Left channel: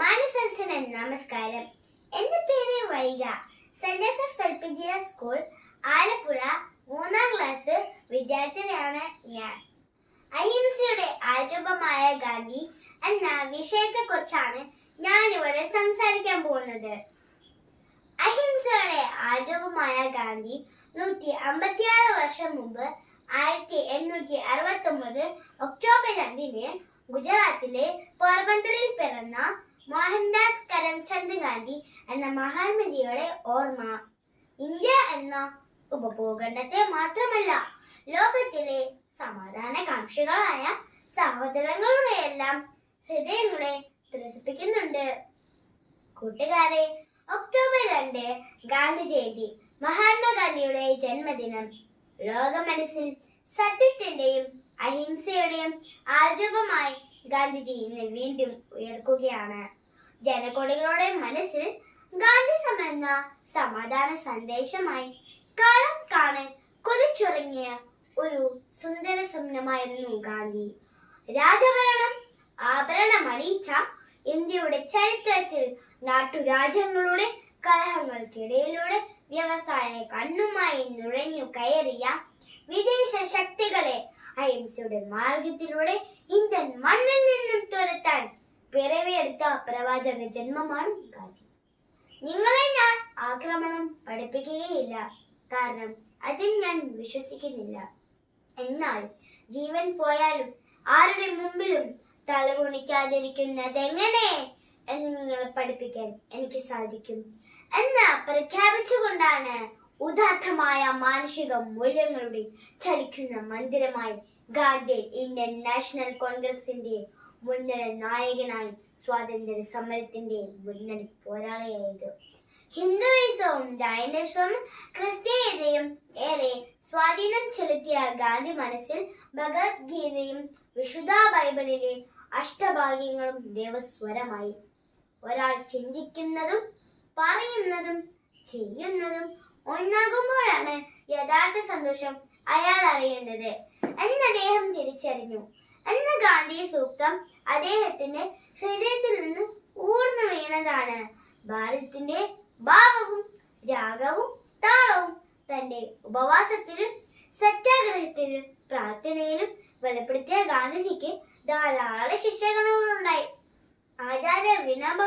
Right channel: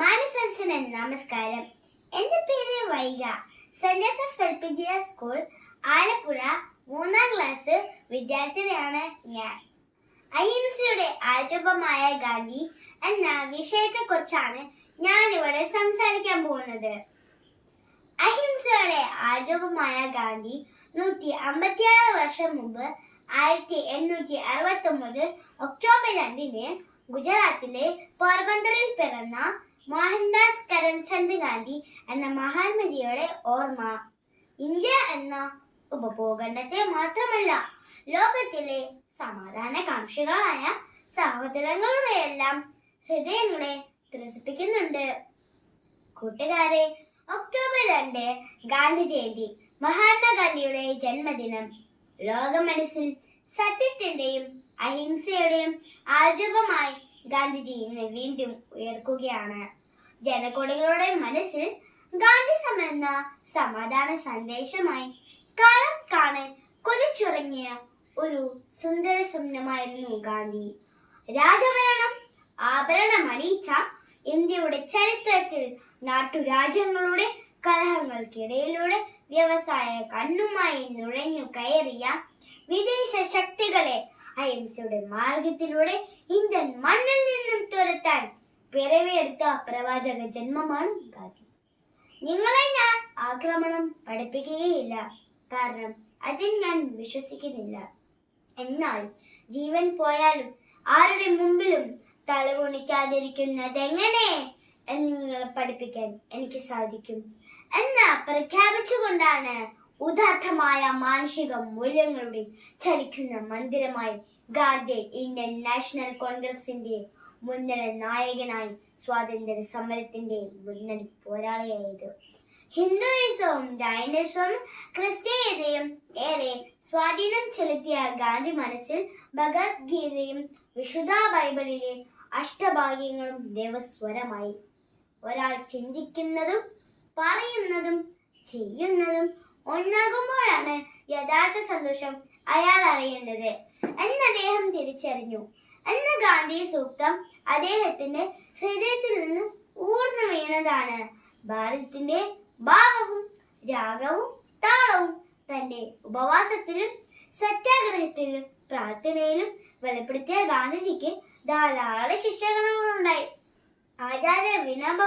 മാനസരസന് നമസ്കാരം. എന്റെ പേര് Vaiga. Saint Joseph L P G school Alappuzha മൂന്നാം ക്ലാസ് വിദ്യാർത്ഥിനിയാണ് ഞാൻ. അഹിംസയുടെ ആരൂപമായ ഗാന്ധി എന്ന വിഷയത്തെക്കുറിച്ചാണ് ഞാൻ ഇവിടെ സംസാരിക്കാൻ പോകുന്നത്. അഹിംസയുടെ ആരൂപമായ ഗാന്ധി നൂറ്റി അമ്പത്തിയാറ് വർഷം മുമ്പ് ആയിരത്തി എണ്ണൂറ്റി അറുപത്തി ഒമ്പത് ഒക്ടോബർ രണ്ടിന് ഗുജറാത്തിലെ പോർബന്തറിൽ പിറന്ന മോഹൻദാസ് കരംചന്ദ് ഗാന്ധി എന്ന മഹാത്മജിയുടെ ഓർമ്മ. ഇന്ത്യ എന്ന ഉപഭൂഖണ്ഡത്തെ മാത്രമല്ല ലോകത്തിലെ സമാധാനകാംക്ഷികളായ സഹോദരങ്ങളുടെയെല്ലാം ഹൃദയങ്ങളെ ത്രസിപ്പിക്കുന്നുണ്ട്. കൂട്ടുകാരെ ഒക്ടോബർ രണ്ട് ഗാന്ധി ജയന്തി മഹാത്മാഗാന്ധിയുടെ ജന്മദിനം. ലോക മനസ്സിൽ സത്യത്തിന്റെയും അഹിംസയുടെയും ആരൂപമായി ഗാന്ധിജി ഇന്ന് വീണ്ടും ഉയർക്കുകയാണ്. ജനകോടികളുടെ മനസ്സിൽ ഗാന്ധി എന്ന സമാധാന സന്ദേശമായി കാലം കാണാൻ കൊതിച്ചുറങ്ങിയ ഒരു സുന്ദര സ്വപ്നമായിരുന്നു ഗാന്ധി. രാജഭരണം ആഭരണമണിച്ച ഇന്ത്യയുടെ ചരിത്രത്തിൽ നാട്ടുരാജ്യങ്ങളുടെ കലഹങ്ങൾക്കിടയിലൂടെ വ്യവസായ കണ്ണുമായി നുഴഞ്ഞു കയറിയ വിദേശ ശക്തികളെ അഹിംസയുടെ മാർഗത്തിലൂടെ ഇന്ത്യൻ മണ്ണിൽ നിന്നും തുരത്താൻ പിറവിയെടുത്ത പ്രവാചക ജന്മമാണ് ഗാന്ധി നിങ്ങളെ ഞാൻ ആക്രമണം പഠിപ്പിക്കുകയില്ല. കാരണം അതിൽ ഞാൻ വിശ്വസിക്കുന്നില്ല. എന്നാൽ ജീവൻ പോയാലും ആരുടെ മുമ്പിലും തലകുണിക്കാതിരിക്കുന്നതെങ്ങനെ എന്ന് നിങ്ങളെ പഠിപ്പിക്കാൻ എനിക്ക് സാധിക്കും. എന്ന് പ്രഖ്യാപിച്ചുകൊണ്ടാണ് ഉദാത്തമായ മാനുഷിക മൂല്യങ്ങളുടെ ചലിക്കുന്ന മന്ദിരമായി ഗാന്ധി ഇന്ത്യൻ നാഷണൽ കോൺഗ്രസിന്റെ മുൻനിര നായകനായി സ്വാതന്ത്ര്യ സമരത്തിന്റെ മുന്നണി പോരാളിയായത്. ഹിന്ദുയിസവും ജൈനിസവും ക്രിസ്തീയതയും ഏറെ സ്വാധീനം ചെലുത്തിയ ഗാന്ധി മനസ്സിൽ ഭഗവത്ഗീതയും വിശുദ്ധ ബൈബിളിലെ അഷ്ടഭാഗ്യങ്ങളും ദേവസ്വരമായി. ഒരാൾ ചിന്തിക്കുന്നതും പറയുന്നതും ചെയ്യുന്നതും ഒന്നാകുമ്പോഴാണ് യഥാർത്ഥ സന്തോഷം അയാൾ അറിയേണ്ടത്. എന്ന് അദ്ദേഹം തിരിച്ചറിഞ്ഞു. എന്ന ഗാന്ധി സൂക്തം അദ്ദേഹത്തിന്റെ ഹൃദയത്തിൽ നിന്ന് ഊർന്നു വീണതാണ് ഭാരതത്തിന്റെ ഭാവവും രാഗവും താളവും തന്റെ ഉപവാസത്തിലും സത്യാഗ്രഹത്തിലും പ്രാർത്ഥനയിലും വെളിപ്പെടുത്തിയ ഗാന്ധിജിക്ക് ധാരാളം ശിഷ്യഗണങ്ങളുണ്ടായി. ആചാര്യ വിനോബ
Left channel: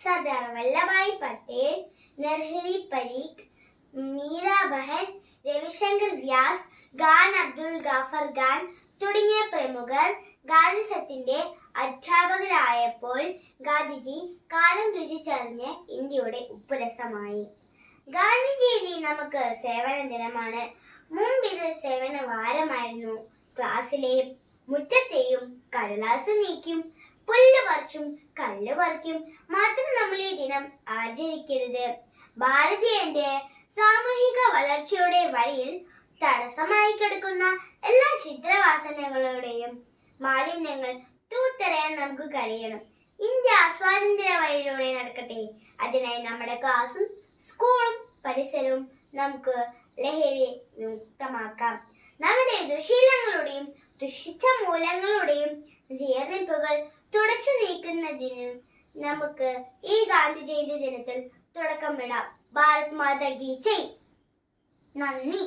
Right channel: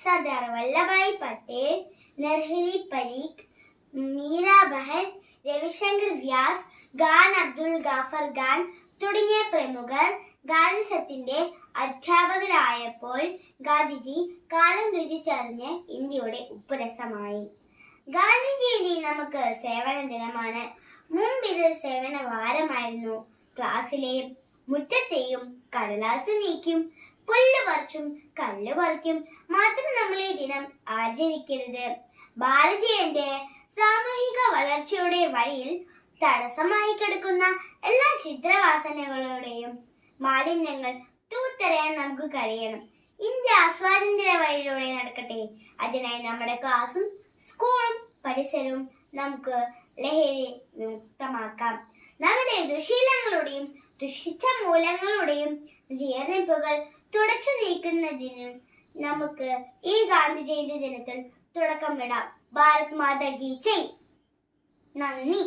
സർദാർ വല്ലഭായ് പട്ടേൽ നർഹരി പരീഖ് മീരാ ബഹൽ രവിശങ്കർ വ്യാസ് ഖാൻ അബ്ദുൾ ഗാഫർ ഖാൻ തുടങ്ങിയ പ്രമുഖർ ഗാന്ധിസത്തിന്റെ അധ്യാപകരായപ്പോൾ ഗാന്ധിജി കാലം രുചിച്ചറിഞ്ഞ് ഇന്ത്യയുടെ ഉപ്പുരസമായി. ഗാന്ധിജി നമുക്ക് സേവന ദിനമാണ് മുമ്പ് ഇത് സേവന വാരമായിരുന്നു ക്ലാസ്സിലെയും മുറ്റത്തെയും കടലാസ് നീക്കും പുല്ല് പറിച്ചും കല്ല് പറിക്കും മാത്രം നമ്മൾ ഈ ദിനം ആചരിക്കരുത്. ഭാരതീയന്റെ സാമൂഹിക വളർച്ചയുടെ വഴിയിൽ തടസ്സമായി കിടക്കുന്ന എല്ലാ ചിത്രവാസനകളുടെയും മാലിന്യങ്ങൾ തൂത്തരയാൻ നമുക്ക് കഴിയണം. ഇന്ത്യ സ്വാതന്ത്ര്യ വഴിയിലൂടെ നടക്കട്ടെ. അതിനായി നമ്മുടെ ക്ലാസും സ്കൂളും പരിസരവും നമുക്ക് ലഹരി മുക്തമാക്കാം. നമ്മുടെ ദുശീലങ്ങളുടെയും ദുഷിച്ച മൂലങ്ങളുടെയും ജീർണിപ്പുകൾ തുടച്ചു നീക്കുന്നതിനും നമുക്ക് ഈ ഗാന്ധി ജയന്തി ദിനത്തിൽ തുടക്കമിടാം ഭാരത് മാതാ ഗീ ജയ്. നന്ദി.